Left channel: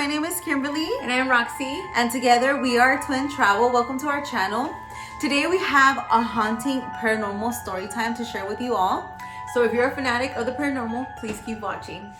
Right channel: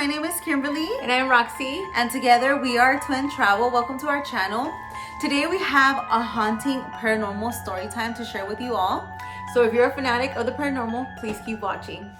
my name is Kimberly. And I'm Roxy. And together we are Twin Travel. Welcome to our channel. Today we have a haunting paranormal story time to share with you all. So if you're a fanatic of the paranormal, please keep watching.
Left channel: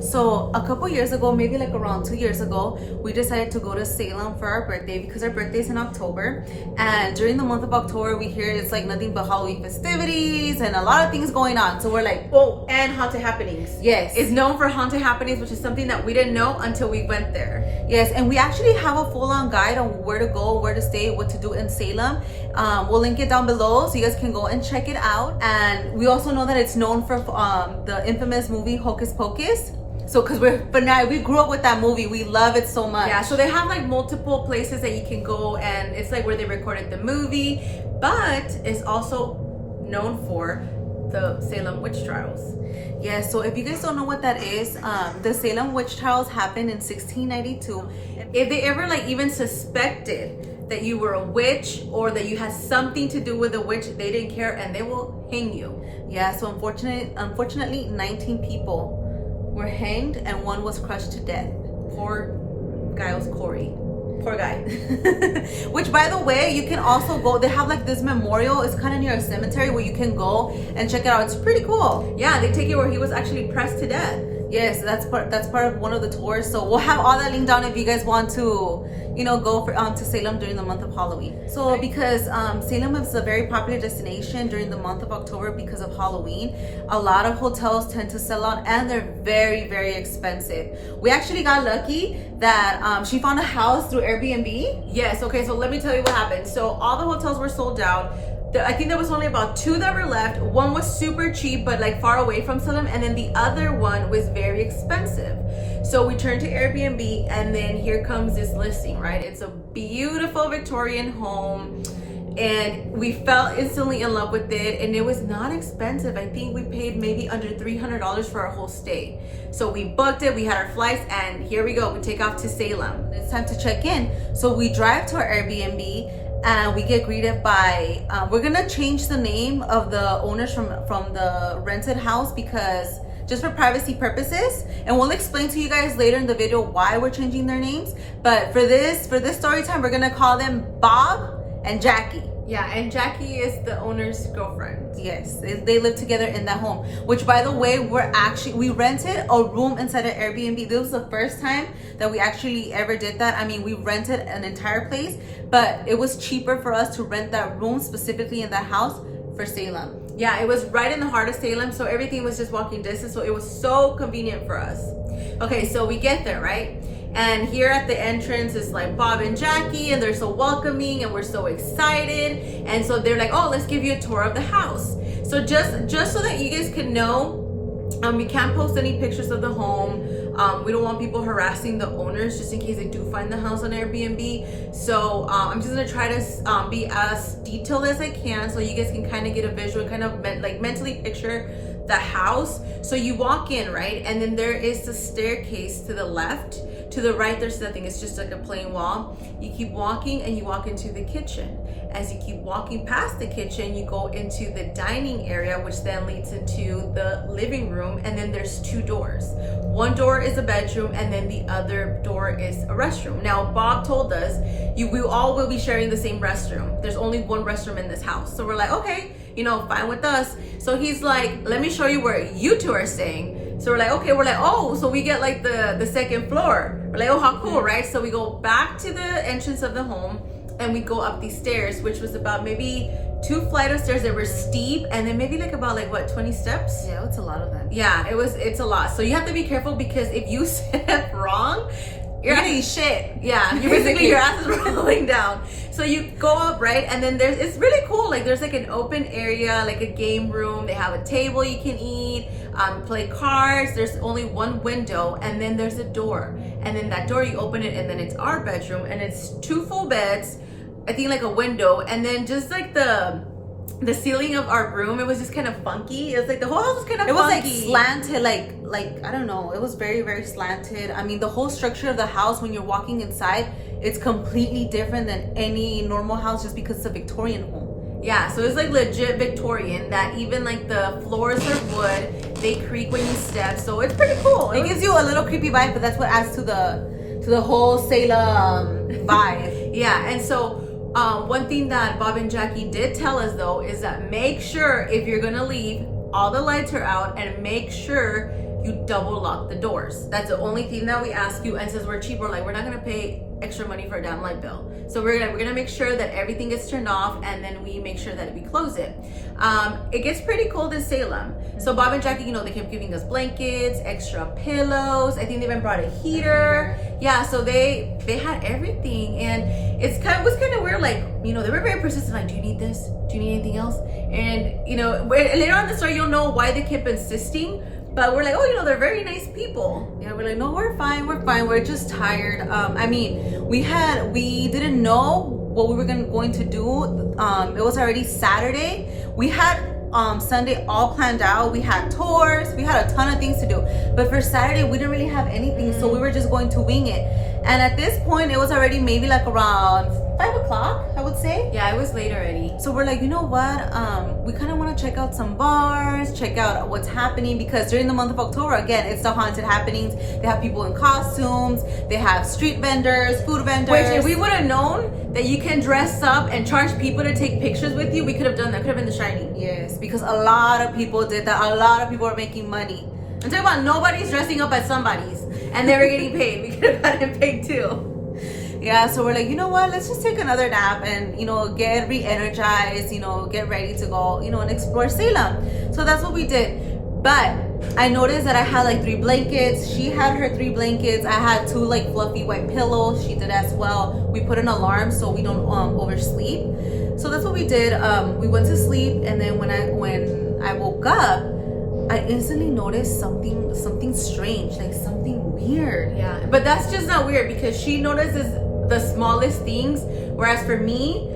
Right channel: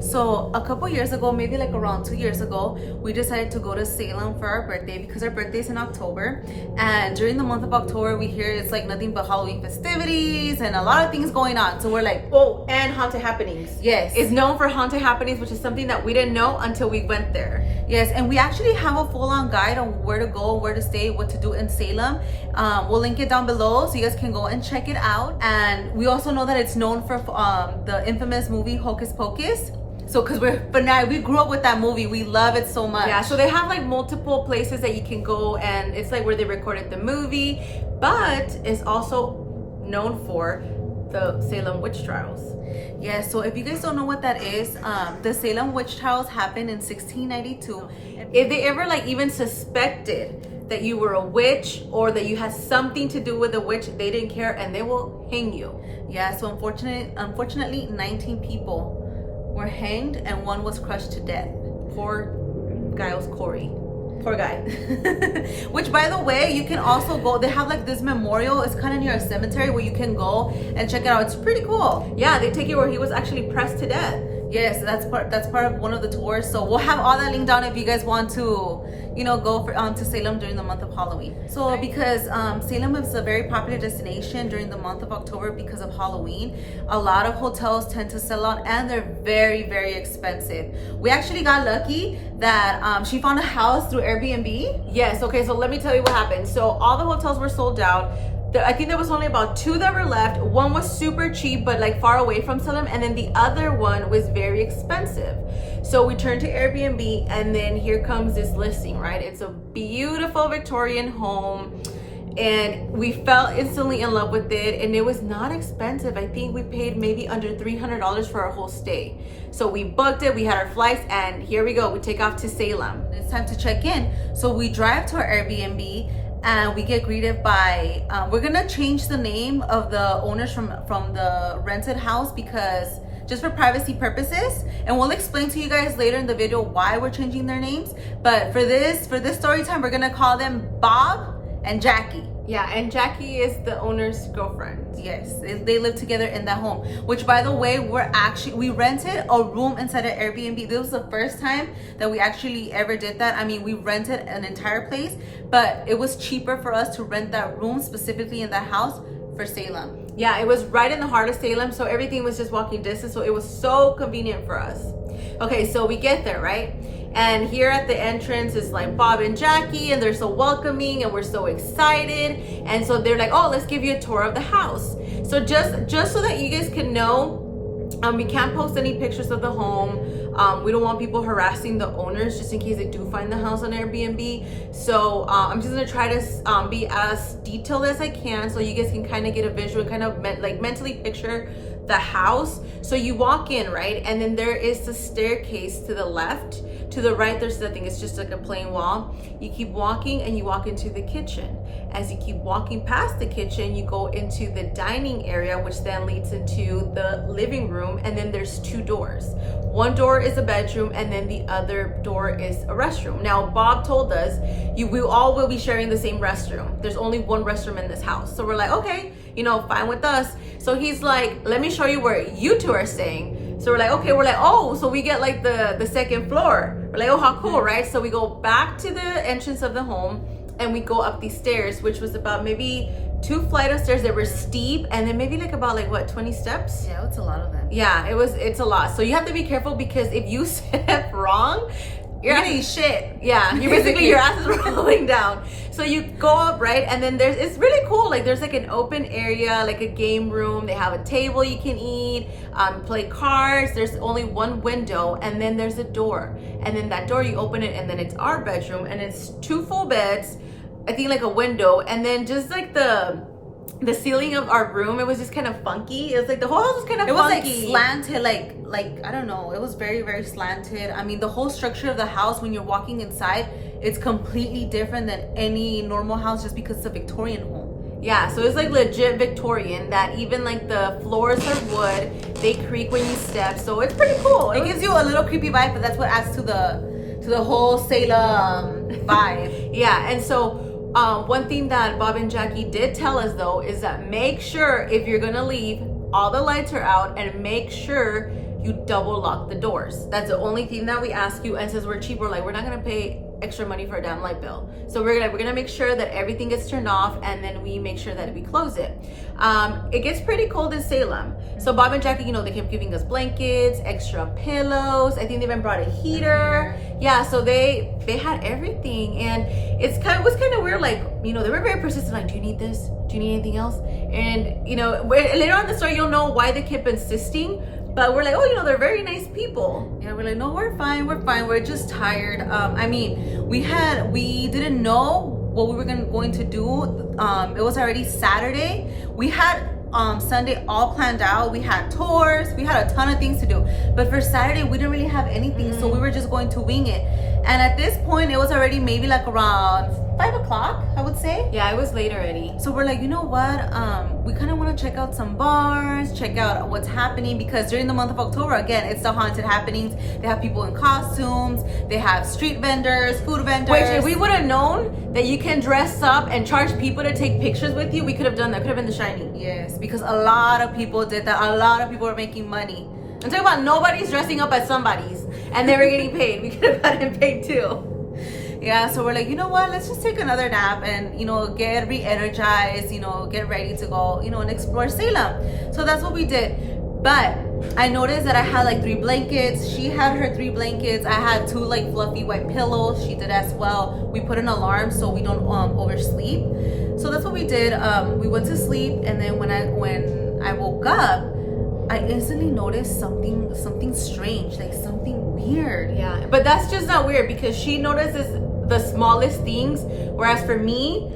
So a couple years ago, maybe like around 2 years ago, we decided to go to Salem for our birthday because our birthday's in October. And during the month of October, we hear it's like nothing but Halloween festivities and a lot of things going on. So we're like, oh, and haunted happenings. Yes. It's known for haunted happenings, which is something that we didn't know until we went there. Yes, and we actually have a full-on guide on where to go, where to stay, what to do in Salem. We'll link it down below so you guys can go and check it out. And we also know that it's known for the infamous movie Hocus Pocus. So, because we grew up with that movie, we love it so much. Yeah, so they have like multiple places that you can go, and it's like where they recorded the movie, but it's also known for the Salem witch trials. Yeah, so if you guys don't know what that is, the Salem witch trials happened in 1692. If they ever like even suspected that you were a witch or that you had something to do with a witch, they didn't care, and they will hang you. Yeah, so unfortunately 19 people were hanged and one was crushed to death. Poor Giles Corey. Poor guy. Which, by the way, you can also go, they have like this memorial, it's kind of near a cemetery where you can go and check it out. It's pretty cool. Yeah, they take you where he was actually pressed to death. Yes, that's part of one of the tours. So we'll have all that linked down if you guys want to, go to Salem during the month of Halloween. So because Salem is a very popular destination during the month of October because of Halloween, a lot of hotels tend to sell out and they're very, very expensive. We actually got lucky that she found a house through Airbnb. Yes, okay, so let me tell you what happened. So all the hotels were sold out. I think there was only about 2 that were left. One was super cheap, but like far away from Salem, and then the other one was very expensive. So we turned to Airbnb, and then here comes this listing, right? It's a beautiful Victorian home, and we fell instantly in love with it, and it was not expensive. I think we paid maybe under $300 for our whole stay. So we booked it, we had our flights, and here we go. We take off to Salem. It's time to check in. So we drive to our Airbnb, and we get greeted by we're gonna change the name of the owners from the rented house because just for privacy purposes, and we'll explain to you guys later in the video why we're changing their names. But for this story time, we're gonna call them Bob and Jackie. Yeah, and Jackie is the owner's girlfriend. Yes, they live together in that home, which, by the way, we rented a room inside an Airbnb. This was the first time that we actually ever did that. I mean, we rented an entire place, but it was cheaper for us to rent that room specifically in that house for Salem. Yeah, it was right in the heart of Salem, so everything was just walking distance, so it was so convenient for us. Okay, so we get there, right? And here at the entrance is like Bob and Jackie, and they're so welcoming, and we're so excited. And so they're like, oh, let's give you a tour of the house. So just so that you guys can know, we can't post any pictures of the home. We don't want people harassing the owners just in case they do find the house on Airbnb. So I'm just gonna try to be as detailed as I can so you guys can kind of get a visual, kind of mentally picture the house. So you walk in, right? And then there is the staircase to the left. To the right, there's nothing. It's just like a plain wall. You keep walking and you walk into the kitchen. As you keep walking past the kitchen, you go into the dining area, which then leads into the living room. And then there's 2 doors. One door is a bedroom, and then the other door is a restroom. Now, Bob told us we all will be sharing the same restroom. There's only one restroom in this house. So we're like, okay, fine with us. So he's like, let me show you where you 2 are staying. So we're like, okay, oh, so we get like the second floor. We're like, oh, how cool, right? So we go back to the entrance of the home and we go up these stairs, which was about maybe 2 flights of stairs that were steep, and then maybe like about 20 steps? Yeah, it's a lot of them. Yeah, it's a lot. So you have to be careful because if you step wrong, you're gonna eat shit. Yeah, your ass is rolling down. So you go up, right? And then it's really cool. Like there's like an open area, like a game room. They have a table you can eat, play cards. There's only one window, and then there's a door. And then that door, you open it, and then it's our bedroom, and it's 2 full beds. I think like a window, and then just like the ceiling of our room, it was just kind of funky. It was like the whole house was kind of funky. It was like slanted, like I don't know. It was very, very slanted. I mean, the whole structure of the house, when you're walking inside, it's completely different than any normal house just because it's a Victorian home. Yeah, so it's like legit Victorian, that even like the floors are wood, they creak when you step, so it's pretty cool. It gives you a little creepy vibe, but that's what adds to the whole Salem vibe. Yeah, and so one thing that Bob and Jackie did tell us though is that make sure if you're gonna leave, all the lights are out, and make sure you double lock the doors. That's the only thing that we ask you. And since we're cheap, we're like, we're not gonna pay extra money for a damn light bill. So we're gonna make sure that everything gets turned off, and then we make sure that we close it. It gets pretty cold in Salem. So Bob and Jackie, you know, they kept giving us blankets, extra pillows. I think they even brought a heater. Yeah, so they had everything, and was kind of weird. Like, you know, they were very persistent. Like, do you need this? Do you need anything else? And you know, later on in the story, you'll know why they kept insisting. But we're like, oh, you know, they're very nice people. Yeah, we're like, no, we're fine. We're just tired. I mean, we didn't know what we were going to do. It was already Saturday. We had Sunday all planned out. We had tours. We had a ton of things to do. But for Saturday, we didn't really have anything. So we were just going to wing it. And at this point, it was already maybe like around 5 o'clock, I would say. Yeah, it was late already. So we're like, you know what? We kind of want to check out some bars, check out what's happening, because during the month of October, again, it's the haunted happenings. They have people in costumes. They have street vendors, food vendors. Which, if we would have known that you can dress up and charge people to take pictures with you, we could have done that. Could have been The Shining. Yes, because a lot of people did that. A lot of people are making money. I'm talking about nobody's dressing up as somebody's, and they were getting paid. We could have gotten paid too. Yeah, so we're like, you know what, let's just take another nap and, you know, get re-energized, you know, get ready to go, you know, and explore Salem. So that's what we did. But I noticed that I had like 3 blankets. She had her 3 blankets. I had 2 like fluffy white pillows. She did as well. We put an alarm so we don't oversleep. So that's what we did. We went to sleep, and then when I woke up, I instantly noticed something strange, like something weird. Yeah, but that's just not weird, because she notices the smallest things, whereas for me,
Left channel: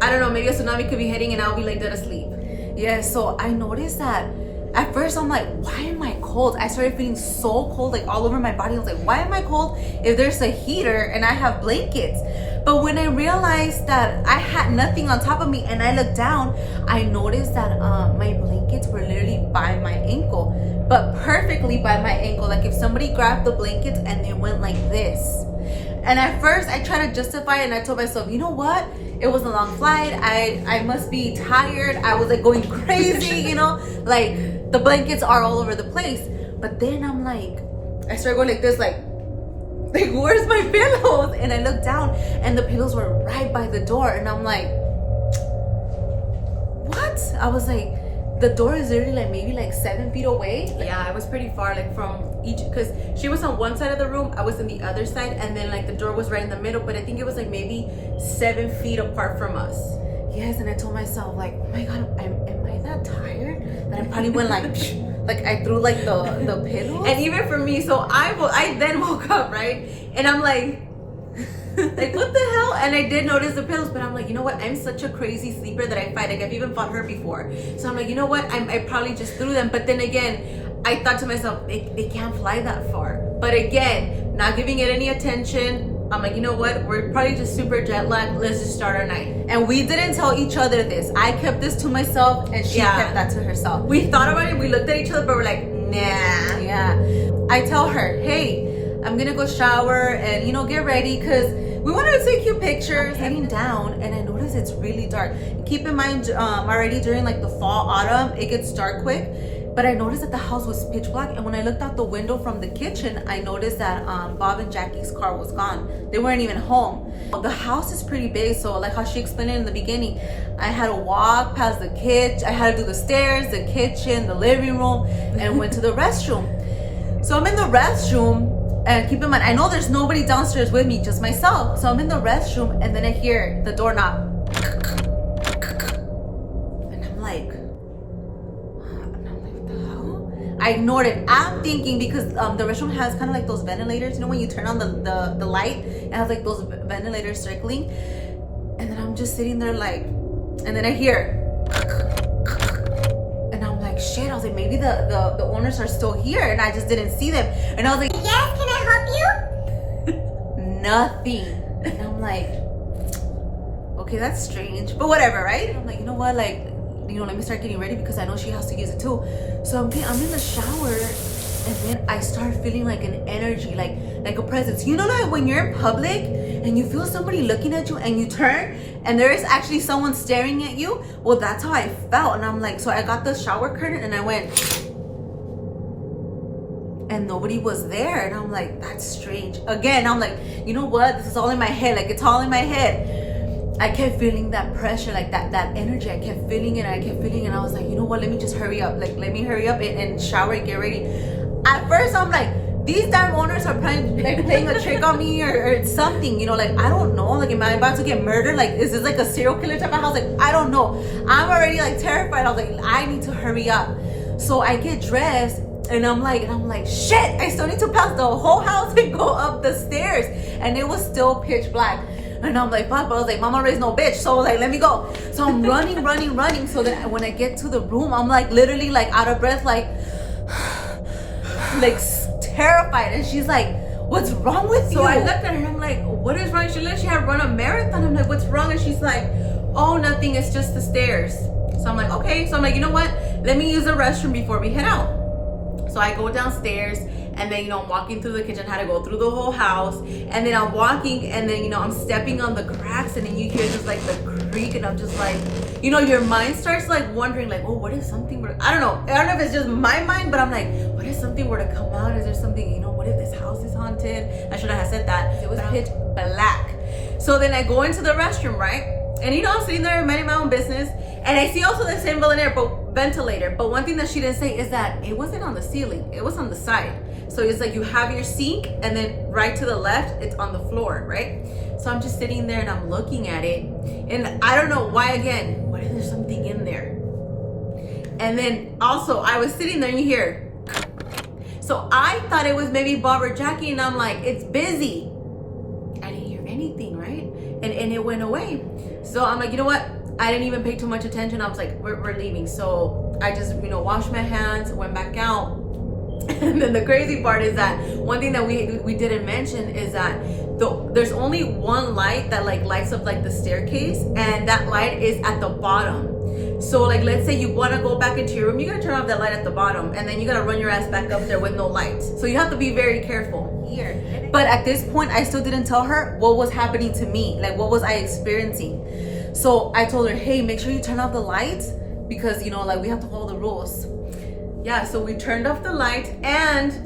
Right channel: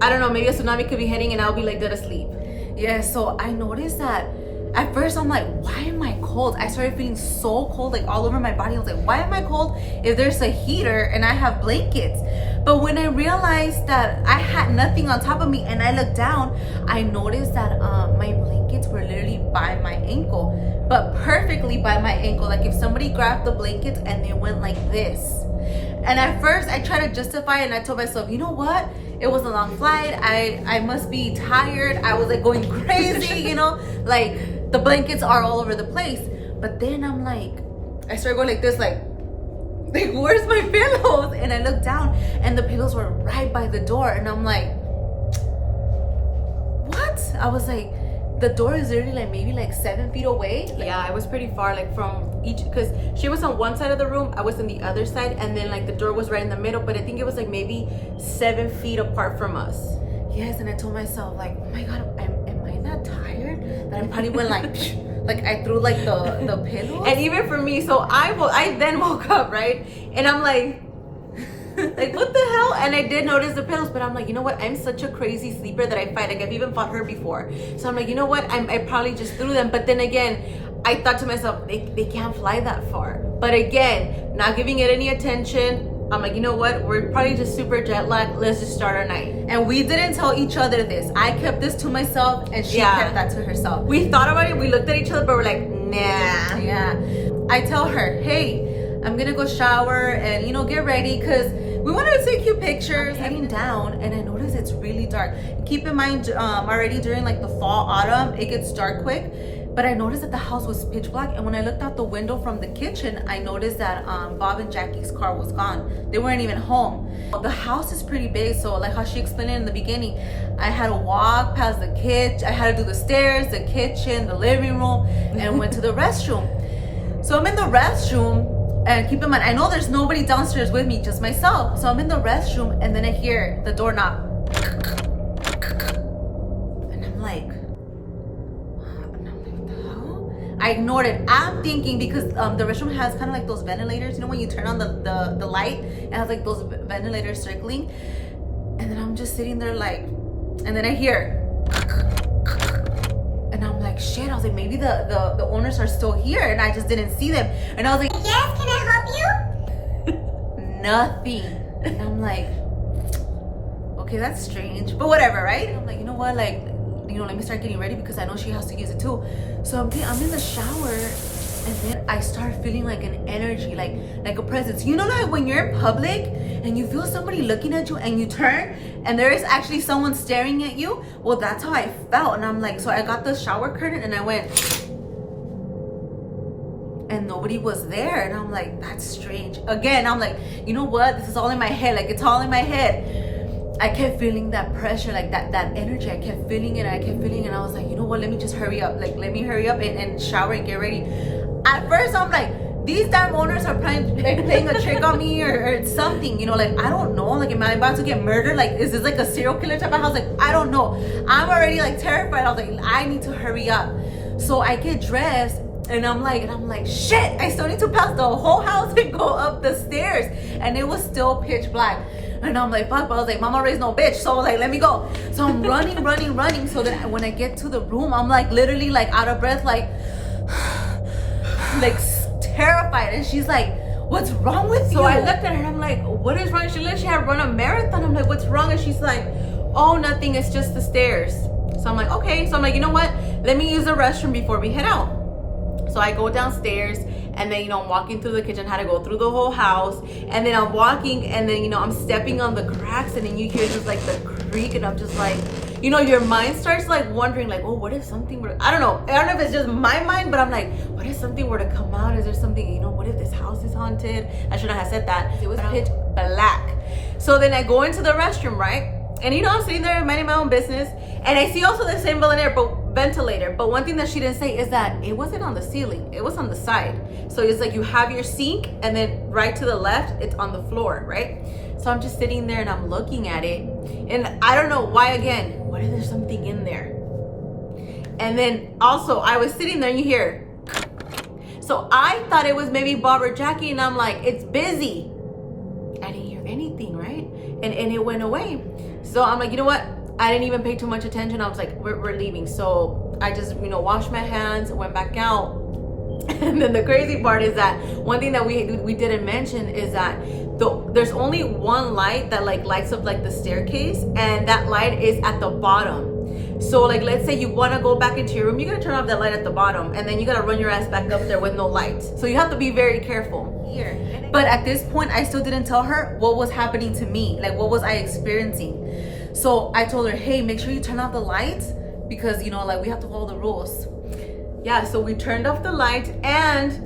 I don't know, maybe a tsunami could be hitting and I'll be like dead asleep. Yeah, so I noticed that at first I'm like, why am I cold? I started feeling so cold, like all over my body. I was like, why am I cold if there's a heater and I have blankets? But when I realized that I had nothing on top of me and I looked down, I noticed that my blankets were literally by my ankle, but perfectly by my ankle. Like if somebody grabbed the blankets and they went like this. And at first I tried to justify it, and I told myself, you know what? It was a long flight. I must be tired. I was like going crazy, you know, like the blankets are all over the place. But then I'm like, I started going like this, like where's my pillows? And I looked down and the pillows were right by the door. And I'm like, what? I was like, the door is literally like maybe like 7 feet away. Like, yeah, it was pretty far, like from each, because she was on one side of the room, I was on the other side, and then like the door was right in the middle, but I think it was like maybe 7 feet apart from us. Yes, and I told myself like, oh my god, am I that tired that I probably went like like I threw like the pillows? And even for me, so I then woke up, right, and I'm like like what the hell? And I did notice the pillows, but I'm like, you know what, I'm such a crazy sleeper that I fight. Like I've even fought her before, so I'm like, you know what, I probably just threw them. But then again, I thought to myself, they can't fly that far. But again, not giving it any attention, I'm like, you know what, we're probably just super jet lagged, let's just start our night. And we didn't tell each other this. I kept this to myself and she kept that to herself. We thought about it, we looked at each other, but we're like, nah. Yeah, I tell her, hey, I'm gonna go shower and, you know, get ready, because we wanted to take you pictures. I'm heading down and I notice it's really dark. Keep in mind, already during like the fall, autumn, it gets dark quick. But I noticed that the house was pitch black, and when I looked out the window from the kitchen, I noticed that Bob and Jackie's car was gone. They weren't even home. The house is pretty big, so like how she explained it in the beginning, I had to walk past the kitchen. I had to do the stairs, the kitchen, the living room, and went to the restroom. So I'm in the restroom, and keep in mind, I know there's nobody downstairs with me, just myself. So I'm in the restroom, and then I hear the door knock. And I'm like, I ignored it. I'm thinking, because the restroom has kind of like those ventilators, you know, when you turn on the light, it has like those ventilators circling. And then I'm just sitting there like, and then I hear, and I'm like, shit. I was like, maybe the owners are still here and I just didn't see them. And I was like, yes, can I help you? Nothing. And I'm like, okay, that's strange, but whatever, right? I'm like, you know what, like, you know, let me start getting ready because I know she has to use it too. So I'm in the shower, and then I start feeling like an energy, like a presence. You know, like when you're in public and you feel somebody looking at you and you turn and there is actually someone staring at you. Well, that's how I felt. And I'm like, so I got the shower curtain and I went, and nobody was there. And I'm like, that's strange. Again, I'm like, you know what? This is all in my head. Like, it's all in my head. I kept feeling that pressure, like that energy. I kept feeling it. And I was like, you know what? Let me just hurry up. Like, let me hurry up and shower and get ready. At first, I'm like, these damn owners are playing a trick on me or something, you know, like, I don't know. Like, am I about to get murdered? Like, is this like a serial killer type of house? Like, I don't know. I'm already like terrified. I was like, I need to hurry up. So I get dressed and I'm like, shit, I still need to pass the whole house and go up the stairs. And it was still pitch black. And I'm like, fuck, but I was like, mama raised no bitch. So I was like, let me go. So I'm running. So then when I get to the room, I'm like, literally like out of breath, like terrified. And she's like, what's wrong with you? So I looked at her and I'm like, what is wrong? She literally had run a marathon. I'm like, what's wrong? And she's like, oh, nothing, it's just the stairs. So I'm like, okay. So I'm like, you know what? Let me use the restroom before we head out. So I go downstairs and then, you know, I'm walking through the kitchen, had to go through the whole house. And then I'm walking and then, you know, I'm stepping on the cracks and then you hear just like the creak and I'm just like, you know, your mind starts like wondering like, oh, what if something were, I don't know if it's just my mind, but I'm like, what if something were to come out? Is there something, you know, what if this house is haunted? I should have said that. It was pitch black. So then I go into the restroom, right? And you know, I'm sitting there minding my own business. And I see also the same ventilator. But one thing that she didn't say is that it wasn't on the ceiling. It was on the side. So it's like you have your sink and then right to the left, it's on the floor, right? So I'm just sitting there and I'm looking at it. And I don't know why again. What if there's something in there? And then also I was sitting there and you hear. So I thought it was maybe Bob or Jackie and I'm like, it's busy. I didn't hear anything, right? And it went away. So I'm like, you know what? I didn't even pay too much attention. I was like, we're leaving. So I just, you know, washed my hands, went back out. And then the crazy part is that one thing that we didn't mention is that there's only one light that like lights up like the staircase, and that light is at the bottom. So like, let's say you want to go back into your room, you gotta turn off that light at the bottom, and then you gotta run your ass back up there with no lights. So you have to be very careful here. But at this point, I still didn't tell her what was happening to me. Like, what was I experiencing? So I told her, hey, make sure you turn off the lights because, you know, like, we have to follow the rules. Yeah, so we turned off the lights and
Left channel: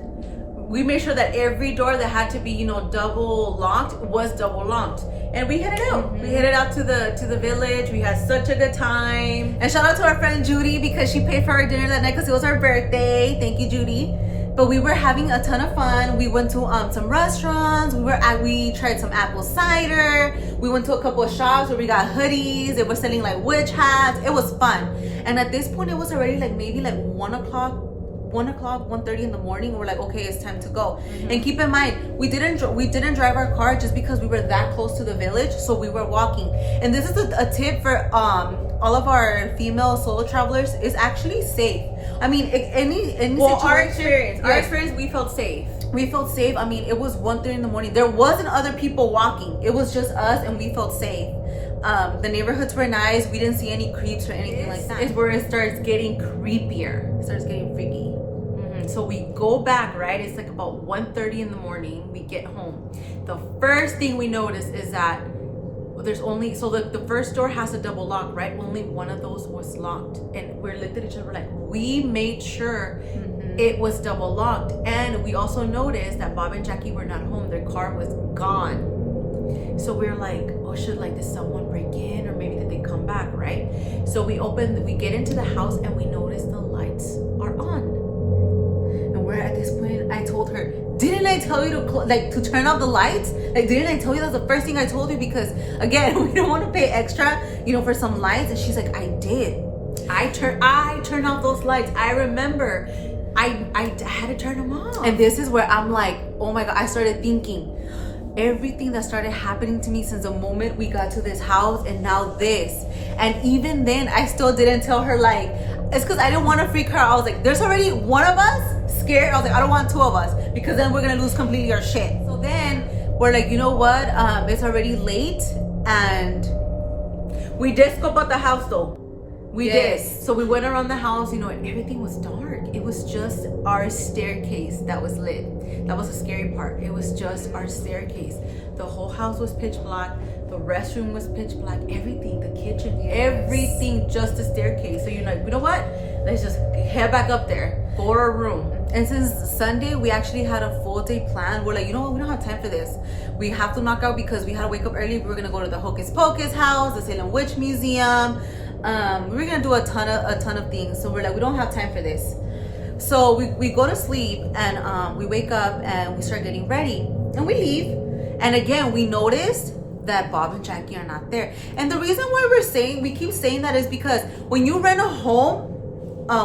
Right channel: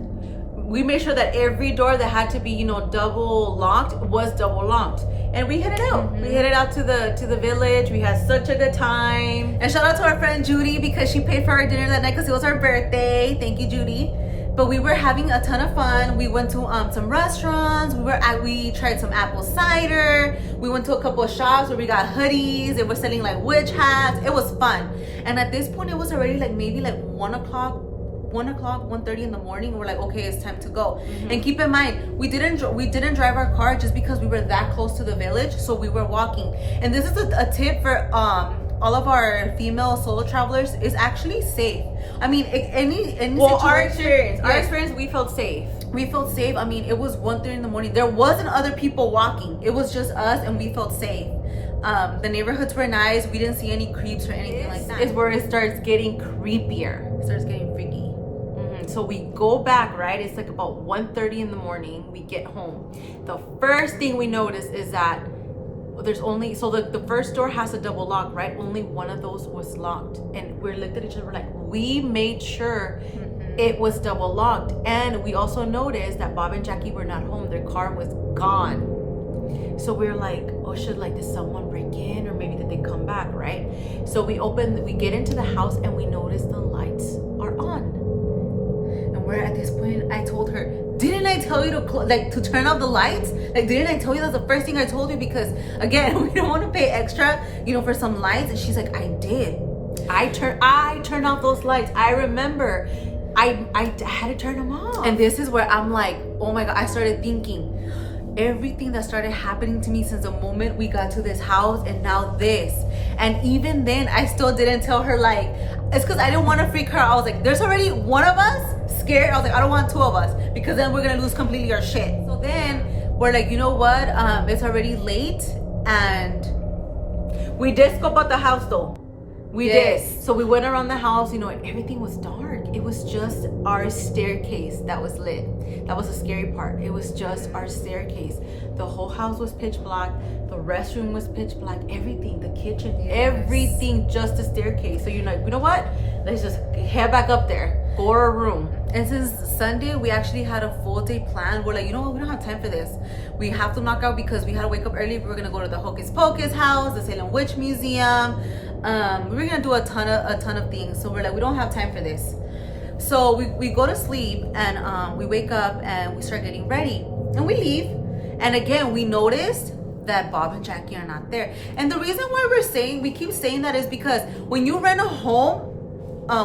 we made sure that every door that had to be, you know, double locked was double locked. And we headed out. Mm-hmm. We headed out to the village. We had such a good time. And shout out to our friend Judy because she paid for our dinner that night because it was her birthday. Thank you, Judy. But we were having a ton of fun. We went to some restaurants. We tried some apple cider. We went to a couple of shops where we got hoodies. They were selling like witch hats. It was fun. And at this point, it was already like maybe like 1:30 in the morning. And we're like, okay, it's time to go. Mm-hmm. And keep in mind, we didn't drive our car just because we were that close to the village. So we were walking. And this is a tip for all of our female solo travelers, is actually safe. I mean, any situation. Our experience, we felt safe. We felt safe. I mean, it was 1:30 in the morning. There wasn't other people walking. It was just us, and we felt safe. The neighborhoods were nice. We didn't see any creeps or anything like that. Is where it starts getting creepier. It starts getting freaky. So we go back, right? It's like about 1:30 in the morning. We get home. The first thing we notice is that there's only, so the first door has a double lock, right? Only one of those was locked. And we looked at each other, we're like, we made sure it was double locked. And we also noticed that Bob and Jackie were not home. Their car was gone. So we were like, oh shit, like, did someone break in? Or maybe did they come back, right? So we get into the house and we notice the lights are on. And we're at this point, I told her, didn't I tell you to turn off the lights? Like, didn't I tell you that's the first thing I told you? Because again, we don't want to pay extra, you know, for some lights. And she's like, I did. I turned off those lights. I remember I had to turn them off. And this is where I'm like, oh my God, I started thinking everything that started happening to me since the moment we got to this house and now this. And even then, I still didn't tell her, like, it's because I didn't want to freak her out. I was like, there's already one of us scared. I was like, I don't want two of us because then we're going to lose completely our shit. So then we're like, you know what? It's already late and We did scope out the house though. We Yes. did. So we went around the house, you know, and everything was dark. It was just our staircase that was lit. That was the scary part. It was just our staircase. The whole house was pitch black. The restroom was pitch black. Everything, the kitchen, Yes. everything, just the staircase. So you're like, you know what? Let's just head back up there for a room. And since Sunday, we actually had a full day plan. We're like, you know what? We don't have time for this. We have to knock out because we had to wake up early. We were gonna go to the Hocus Pocus house, the Salem Witch Museum. We were gonna do a ton of things. So we're like, we don't have time for this. So we go to sleep and we wake up and we start getting ready and we leave. And again, we noticed that Bob and Jackie are not there. And the reason why we keep saying that is because when you rent a home,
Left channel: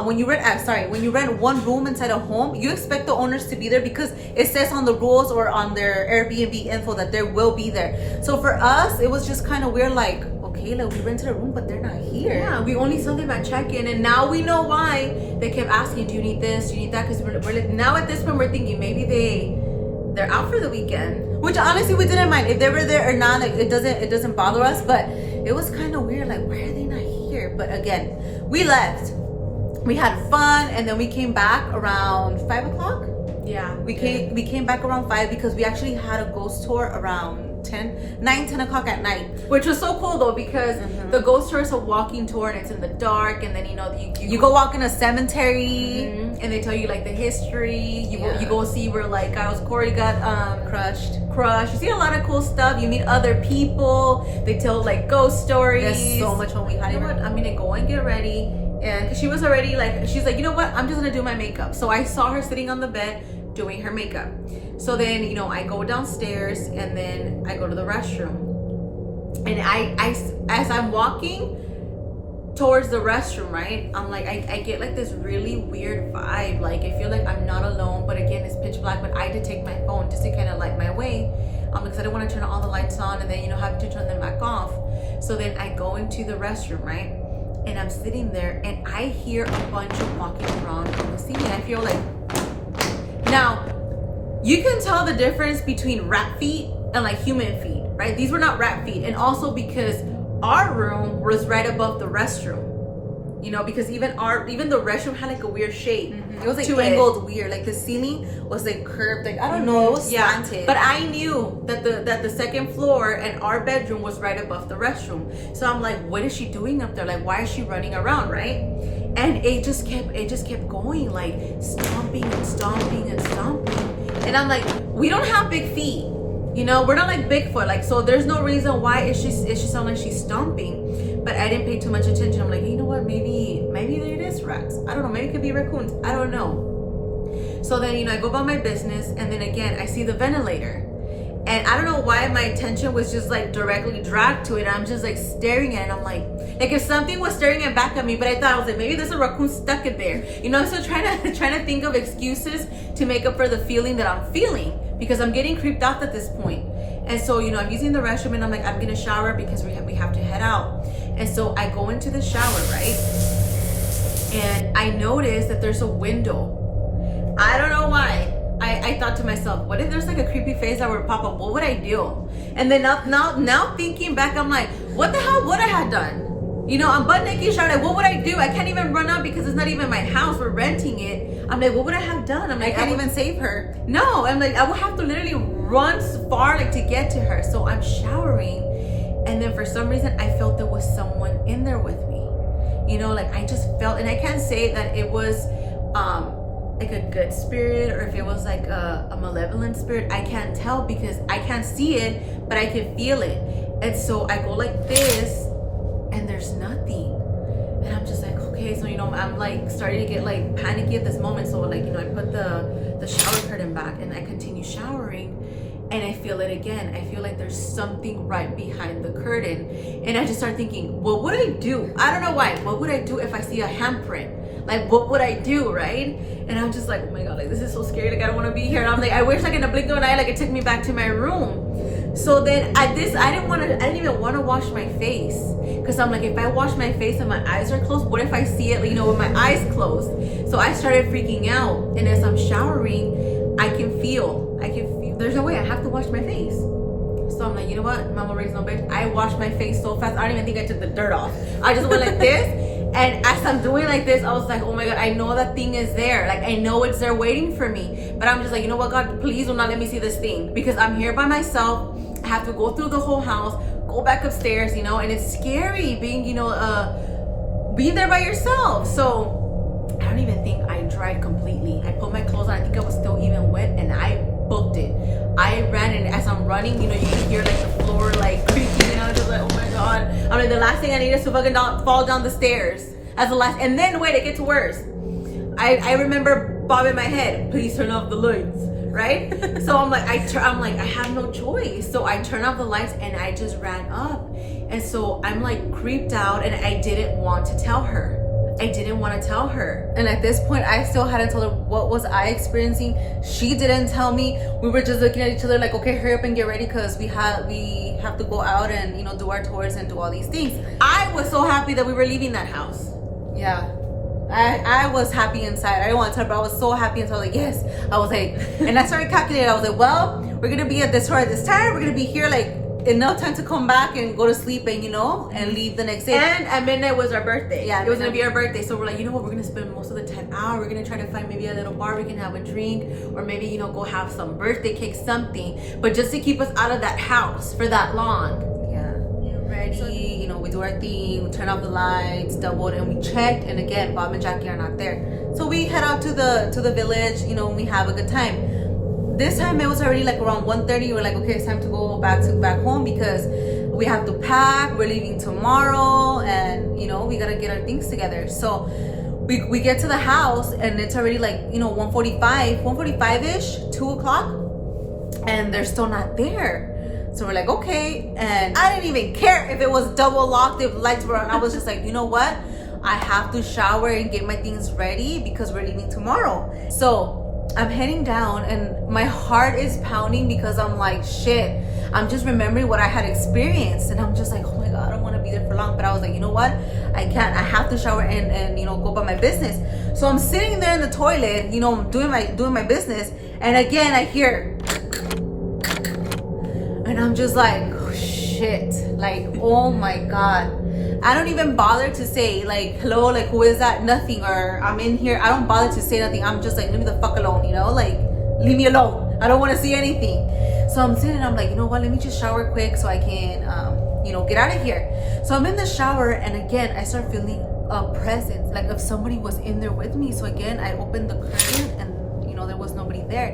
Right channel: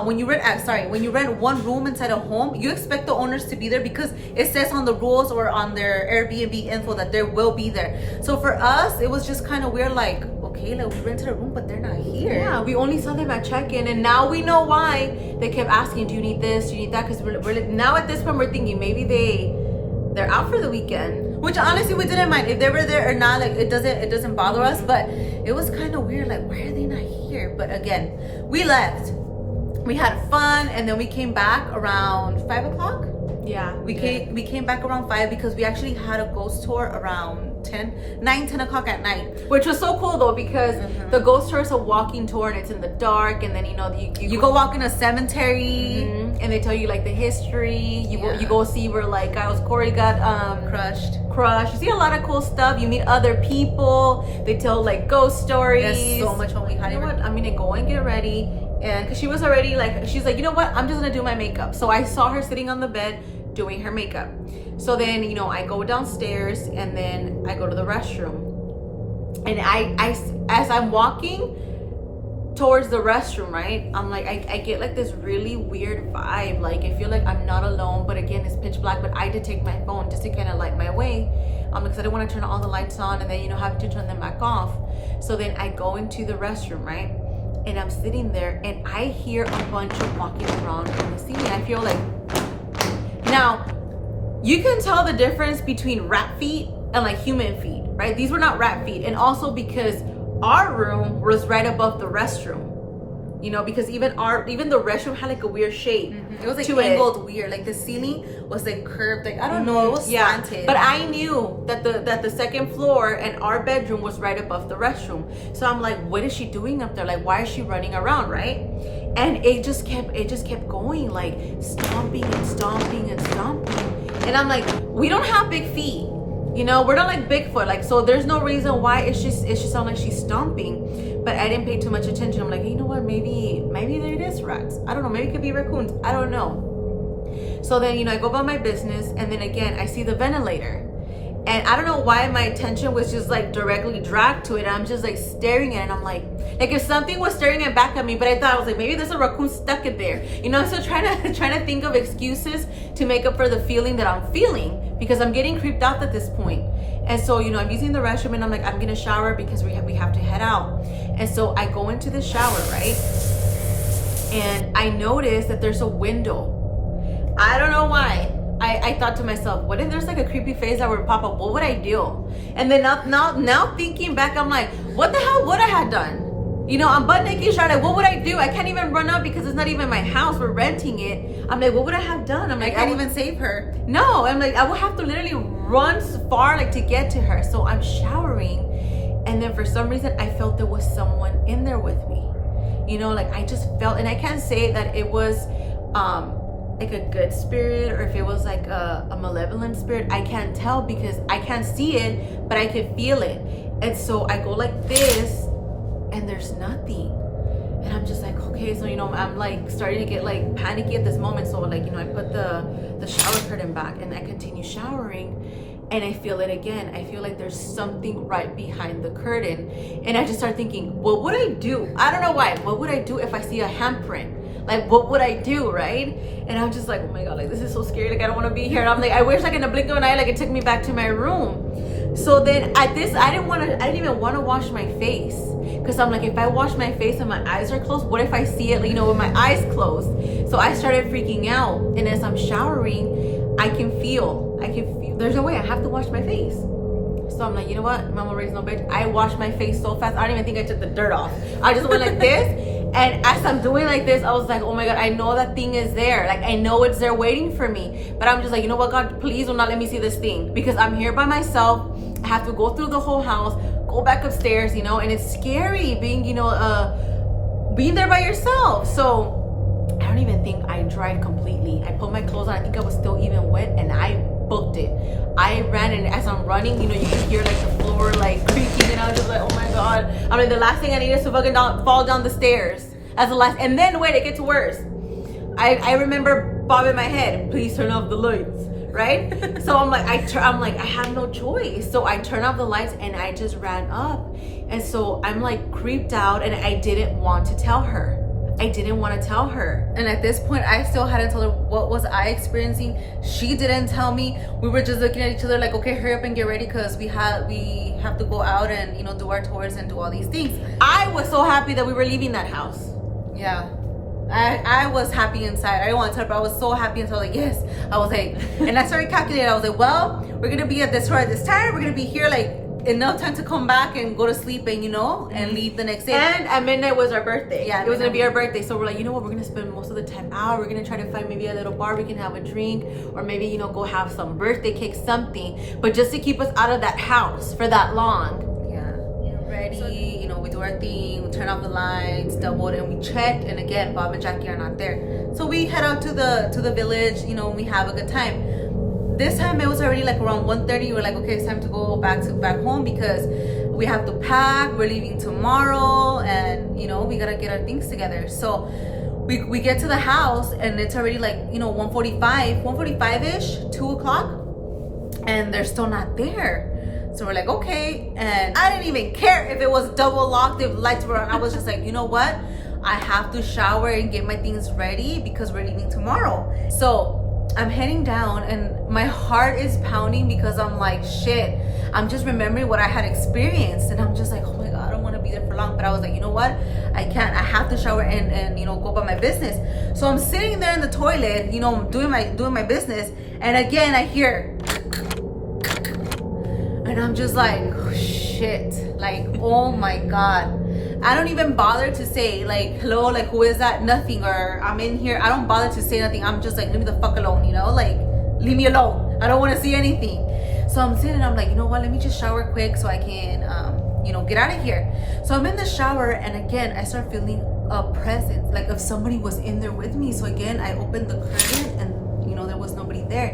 when you rent one room inside a home, you expect the owners to be there because it says on the rules or on their Airbnb info that they will be there. So for us, it was just kind of weird, like, okay, like we rented a room, but they're not here. Yeah, we only saw them at check-in, and now we know why they kept asking, do you need this, do you need that? Because we're like, now at this point we're thinking maybe they're out for the weekend. Which honestly we didn't mind if they were there or not. Like it doesn't bother us, but it was kind of weird. Like, why are they not here? But again, we left. We had fun, and then we came back around 5 o'clock. Yeah, We came back around 5 because we actually had a ghost tour around 10 o'clock at night. which was so cool though, because the ghost tour is a walking tour and it's in the dark, and then you know You go walk in a cemetery. and they tell you like the history. Yeah. You go see where like Corey got Crushed. crushed. You see a lot of cool stuff. You meet other people. They tell like ghost stories. There's so much fun. We highly You know what? recommend. I'm gonna go and get ready. And because she was already like, she's like, you know what? I'm just gonna do my makeup. So I saw her sitting on the bed doing her makeup. So then, you know, I go downstairs and then I go to the restroom. And I as I'm walking towards the restroom, right? I'm like, I get like this really weird vibe. Like I feel like I'm not alone, but again, it's pitch black. But I did take my phone just to kind of light my way, because I didn't want to turn all the lights on and then, you know, have to turn them back off. So then I go into the restroom, right? And I'm sitting there and I hear a bunch of walking around in the ceiling. I feel like, now you can tell the difference between rat feet and like human feet, right? These were not rat feet. And also because our room was right above the restroom, you know, because even the restroom had like a weird shape. It was like to angled weird. Like the ceiling was like curved. Like I don't know. It was slanted. But I knew that the second floor and our bedroom was right above the restroom. So I'm like, what is she doing up there? Like, why is she running around, right? And it just kept going, like stomping and stomping and stomping. And I'm like, we don't have big feet. You know, we're not like Bigfoot. Like, so there's no reason why it should sound like she's stomping. But I didn't pay too much attention. I'm like, you know what? Maybe it is rats. I don't know. Maybe it could be raccoons. I don't know. So then, you know, I go about my business, and then again, I see the ventilator. And I don't know why my attention was just like directly dragged to it. I'm just like staring at it. I'm like if something was staring it back at me, but I thought, I was like, maybe there's a raccoon stuck in there. You know, so trying to think of excuses to make up for the feeling that I'm feeling, because I'm getting creeped out at this point. And so, you know, I'm using the restroom and I'm like, I'm gonna shower because we have to head out. And so I go into the shower, right? And I notice that there's a window. I don't know why. I thought to myself, what if there's like a creepy face that would pop up? What would I do? And then now thinking back, I'm like, what the hell would I have done? You know, I'm butt naked shower. Like, what would I do? I can't even run up because it's not even my house. We're renting it. I'm like, what would I have done? I'm like, I can't even save her. No, I'm like, I would have to literally run far like to get to her. So I'm showering, and then for some reason I felt there was someone in there with me. You know, like I just felt, and I can't say that it was like a good spirit or if it was like a malevolent spirit. I can't tell because I can't see it, but I can feel it. And so I go like this, and there's nothing. And I'm just like, okay, so, you know, I'm like starting to get like panicky at this moment. So like, you know, I put the shower curtain back and I continue showering, and I feel it again. I feel like there's something right behind the curtain. And I just start thinking, what would I do? I don't know why. What would I do if I see a handprint? Like, what would I do, right? And I'm just like, oh my God, like this is so scary. Like, I don't want to be here. And I'm like, I wish like in a blink of an eye, like it took me back to my room. So then at this, I didn't even want to wash my face. Because I'm like, if I wash my face and my eyes are closed, what if I see it, you know, with my eyes closed? So I started freaking out. And as I'm showering, I can feel, there's no way, I have to wash my face. So I'm like, you know what? Mama raised no bitch. I washed my face so fast. I don't even think I took the dirt off. I just went like this. And as I'm doing like this, I was like, oh my God, I know that thing is there. Like, I know it's there waiting for me. But I'm just like, you know what, God, please do not let me see this thing. Because I'm here by myself. I have to go through the whole house, go back upstairs, you know, and it's scary being, you know, being there by yourself. So I don't even think I dried completely. I put my clothes on. I think I was still even wet, and I booked it. I ran, and as I'm running, you know, you can hear like the floor like creaking, and I was just like, oh my God. I mean, the last thing I need is to fucking fall down the stairs. As the last, and then wait, it gets worse. I remember bobbing my head. Please turn off the lights, right? So I'm like, I have no choice. So I turn off the lights, and I just ran up, and so I'm like creeped out, and I didn't want to tell her. I didn't want to tell her. And at this point, I still hadn't told her what was I experiencing. She didn't tell me. We were just looking at each other like, okay, hurry up and get ready, because we have to go out and, you know, do our tours and do all these things. I was so happy that we were leaving that house. Yeah. I was happy inside. I didn't want to tell her, but I was so happy inside. I was like, yes. I was like, and I started calculating. I was like, well, we're going to be at this tour at this time. We're going to be here like enough time to come back and go to sleep and, you know, and leave the next day. And at midnight was our birthday. Yeah, it was gonna be our birthday. So we're like, you know what, we're gonna spend most of the time out. We're gonna try to find maybe a little bar we can have a drink, or maybe, you know, go have some birthday cake, something. But just to keep us out of that house for that long. Yeah. Get ready, so, you know, we do our thing, we turn off the lights, doubled, and we checked, and again, Bob and Jackie are not there. So we head out to the village, you know, and we have a good time. This time it was already like around 1:30. We're like, okay, it's time to go back home, because we have to pack. We're leaving tomorrow, and, you know, we gotta get our things together. So we get to the house, and it's already like, you know, 1:45-ish, 2 o'clock, and they're still not there. So we're like, okay. And I didn't even care if it was double locked, if lights were on. I was just like, you know what? I have to shower and get my things ready, because we're leaving tomorrow. So I'm heading down, and my heart is pounding, because I'm like, shit. I'm just remembering what I had experienced, and I'm just like, oh my God, I don't want to be there for long. But I was like, you know what? I can't. I have to shower and you know, go about my business. So I'm sitting there in the toilet, you know, doing my business, and again I hear, and I'm just like, oh, shit. Like, oh my God. I don't even bother to say like, hello, like, who is that? Nothing. Or I'm in here. I don't bother to say nothing. I'm just like, leave me the fuck alone, you know? Like, leave me alone. I don't want to see anything. So I'm sitting and I'm like, you know what? Let me just shower quick so I can, you know, get out of here. So I'm in the shower, and again, I start feeling a presence, like if somebody was in there with me. So again, I opened the curtain, and, you know, there was nobody there.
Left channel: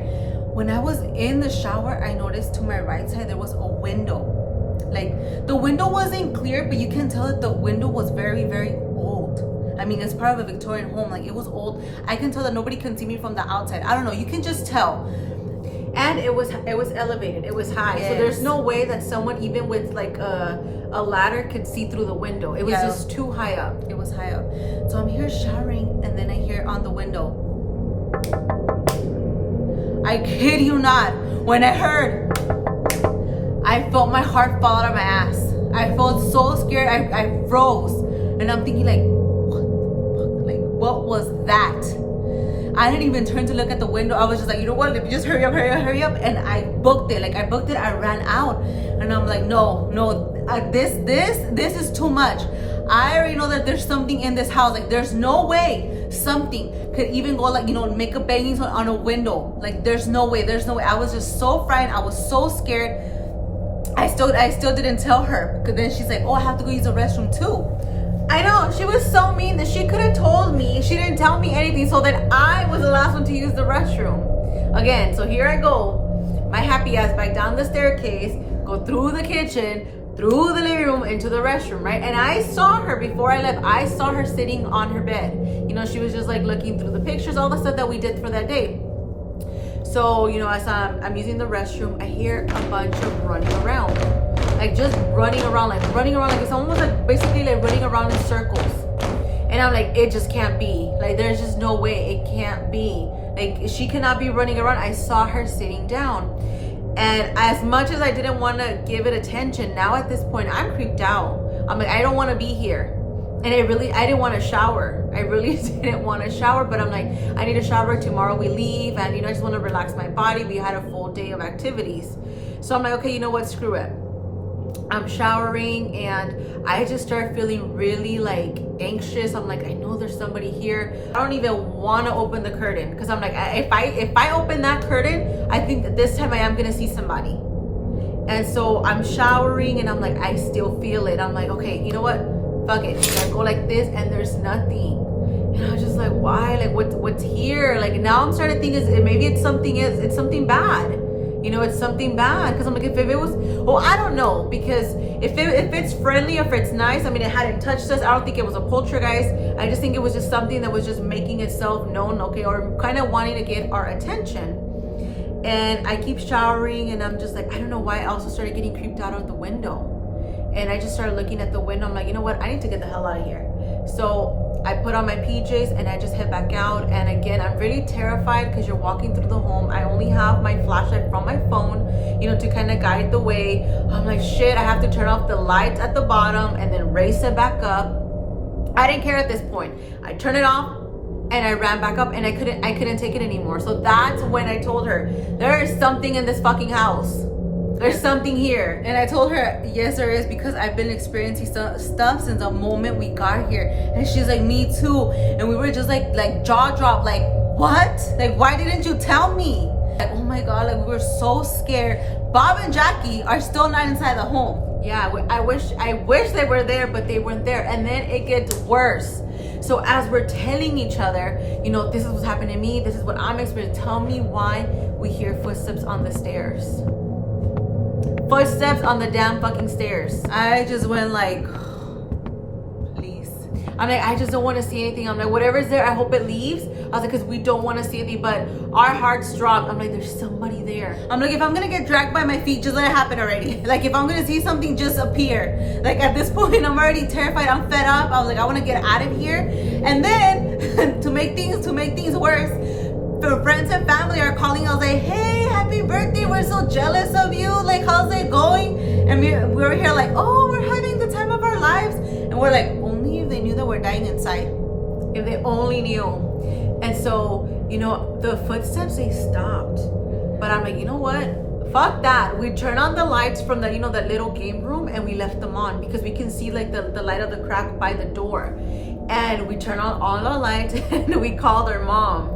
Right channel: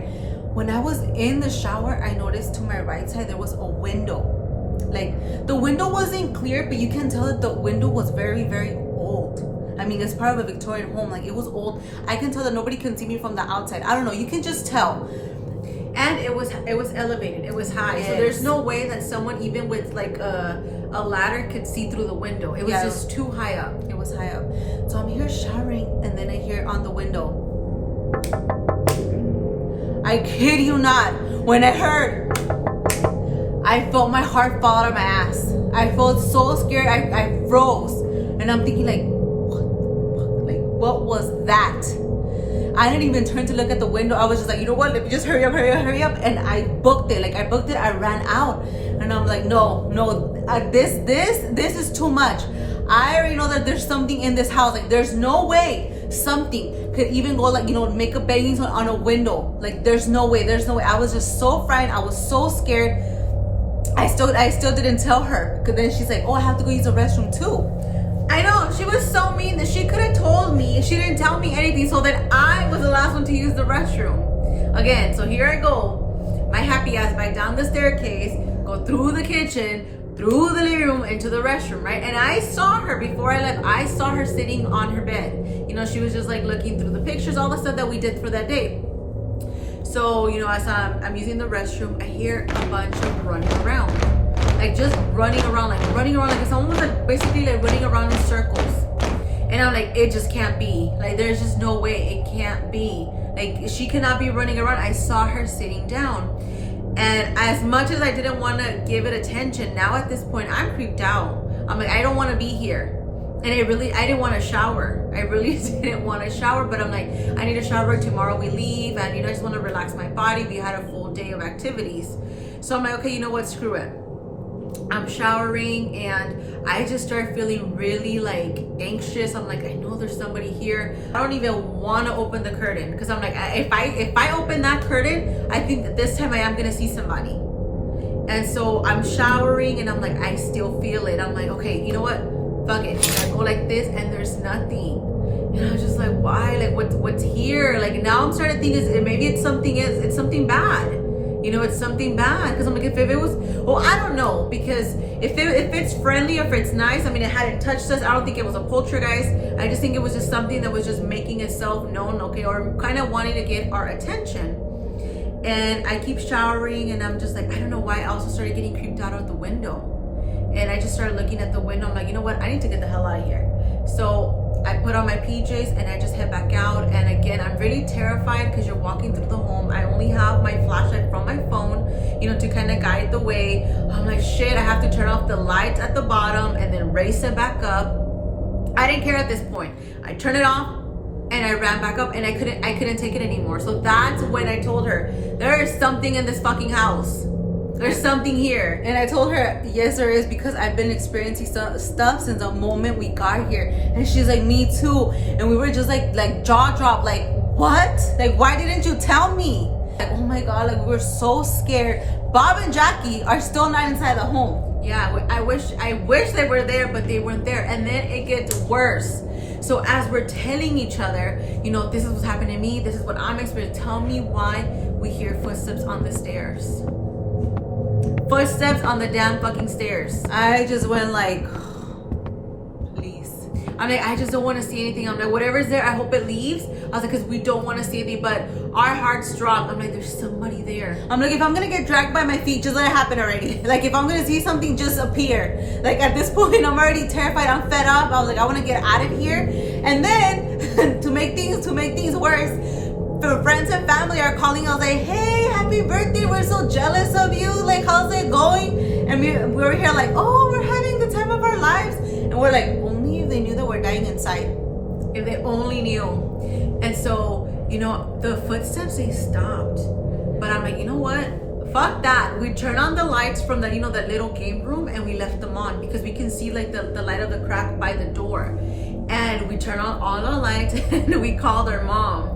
When I was in the shower, I noticed to my right side, there was a window. Like, the window wasn't clear, but you can tell that the window was very, very old. I mean, it's part of a Victorian home. Like, it was old. I can tell that nobody can see me from the outside. I don't know. You can just tell. And it was elevated. It was high. Yes. So there's no way that someone, even with like a ladder, could see through the window. It was just too high up. It was high up. So I'm here showering, and then I hear on the window. I kid you not. When I heard, I felt my heart fall out of my ass. I felt so scared. I froze. And I'm thinking like, what the fuck? Like, what was that? I didn't even turn to look at the window. I was just like, you know what? Let me just hurry up. And I booked it. I ran out. And I'm like, no, this is too much. I already know that there's something in this house. Like, there's no way something could even go, like, you know, make a banging on a window. Like, there's no way. I was just so frightened. I was so scared. I still didn't tell her, because then she's like, oh, I have to go use the restroom too. I know, she was so mean that she could have told me. She didn't tell me anything, so then I was the last one to use the restroom. Again, so here I go, my happy ass back down the staircase, go through the kitchen, through the living room, into the restroom, right? And I saw her before I left. I saw her sitting on her bed. You know, she was just like looking through the pictures, all the stuff that we did for that day. So, you know, as I'm using the restroom, I hear a bunch of running around. Like, just running around like someone was like basically like running around in circles. And I'm like, it just can't be. Like, there's just no way. It can't be. Like, she cannot be running around. I saw her sitting down. And as much as I didn't want to give it attention, now at this point, I'm creeped out. I'm like, I don't want to be here. And I didn't want to shower. I really didn't want to shower, but I'm like, I need a shower. Tomorrow we leave, and, you know, I just want to relax my body. We had a full day of activities. So I'm like, okay, you know what? Screw it. I'm showering and I just start feeling really like anxious. I'm like, I know there's somebody here. I don't even want to open the curtain because I'm like, if I open that curtain, I think that this time I am gonna see somebody. And so I'm showering and I'm like, I still feel it. I'm like, okay, you know what? Fuck it. I go like this and there's nothing. And I was just like, why? Like, what's here? Like, now I'm starting to think maybe it's something bad. You know, it's something bad. Because I'm like, if it was, well, I don't know. Because if it's friendly, if it's nice, I mean, it hadn't touched us. I don't think it was a poltergeist. I just think it was just something that was just making itself known, okay, or kind of wanting to get our attention. And I keep showering and I'm just like, I don't know why. I also started getting creeped out of the window. And I just started looking at the window. I'm like, you know what? I need to get the hell out of here. So I put on my PJs and I just head back out. And again, I'm really terrified because you're walking through the home. I only have my flashlight from my phone, you know, to kind of guide the way. I'm like, shit, I have to turn off the lights at the bottom and then race it back up. I didn't care at this point. I turned it off and I ran back up and I couldn't take it anymore. So that's when I told her, there is something in this fucking house. There's something here. And I told her, yes, there is, because I've been experiencing stuff since the moment we got here. And she's like, me too. And we were just like jaw dropped, like, what? Like, why didn't you tell me? Like, oh my God, like, we were so scared. Bob and Jackie are still not inside the home. Yeah, I wish they were there, but they weren't there. And then it gets worse. So as we're telling each other, you know, this is what's happening to me, this is what I'm experiencing, tell me why we hear footsteps on the stairs. Footsteps on the damn fucking stairs. I just went like, please. I'm like, I just don't want to see anything. I'm like, whatever's there, I hope it leaves. I was like, because we don't want to see anything, but our hearts dropped. I'm like, there's somebody there. I'm like, if I'm gonna get dragged by my feet, just let it happen already. Like, if I'm gonna see something just appear. Like, at this point, I'm already terrified. I'm fed up. I was like, I want to get out of here. And then to make things worse, the friends and family are calling us like, hey, happy birthday, we're so jealous of you, like, how's it going? And we were here like, oh, we're having the time of our lives. And we're like, only if they knew that we're dying inside. If they only knew. And so, you know, the footsteps, they stopped. But I'm like, you know what, fuck that. We turned on the lights from the, you know, that little game room, and we left them on because we can see like the light of the crack by the door. And we turned on all our lights and we called our mom.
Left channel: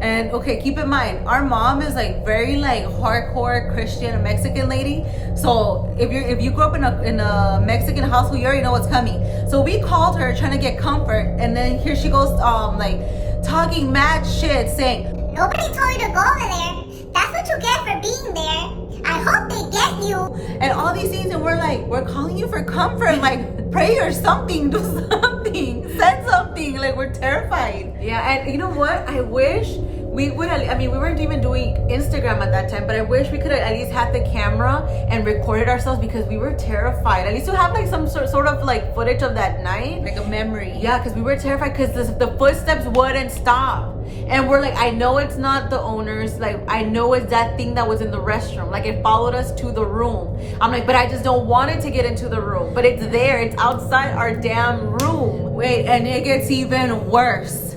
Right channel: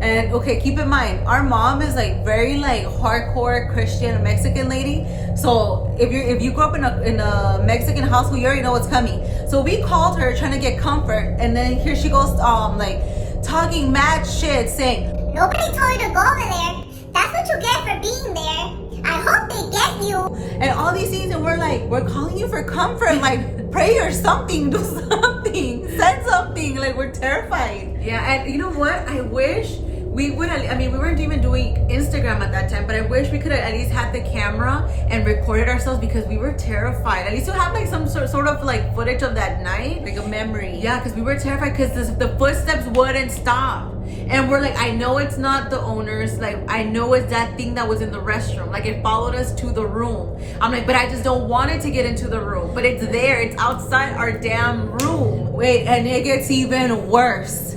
And okay, keep in mind, our mom is like very like hardcore Christian Mexican lady. So if you grew up in a Mexican household, you already know what's coming. So we called her trying to get comfort, and then here she goes like talking mad shit, saying, nobody told you to go over there. That's what you get for being there. I hope they get you. And all these things, and we're calling you for comfort, like pray or something, do something, send something. Like, we're terrified. Yeah, and you know what? I wish we would have, I mean, we weren't even doing Instagram at that time, but I wish we could have at least had the camera and recorded ourselves because we were terrified. At least to have like some sort of like footage of that night. Like a memory. Yeah, because we were terrified because the footsteps wouldn't stop. And we're like, I know it's not the owners. Like, I know it's that thing that was in the restroom. Like, it followed us to the room. I'm like, but I just don't want it to get into the room. But it's there. It's outside our damn room. Wait, and it gets even worse.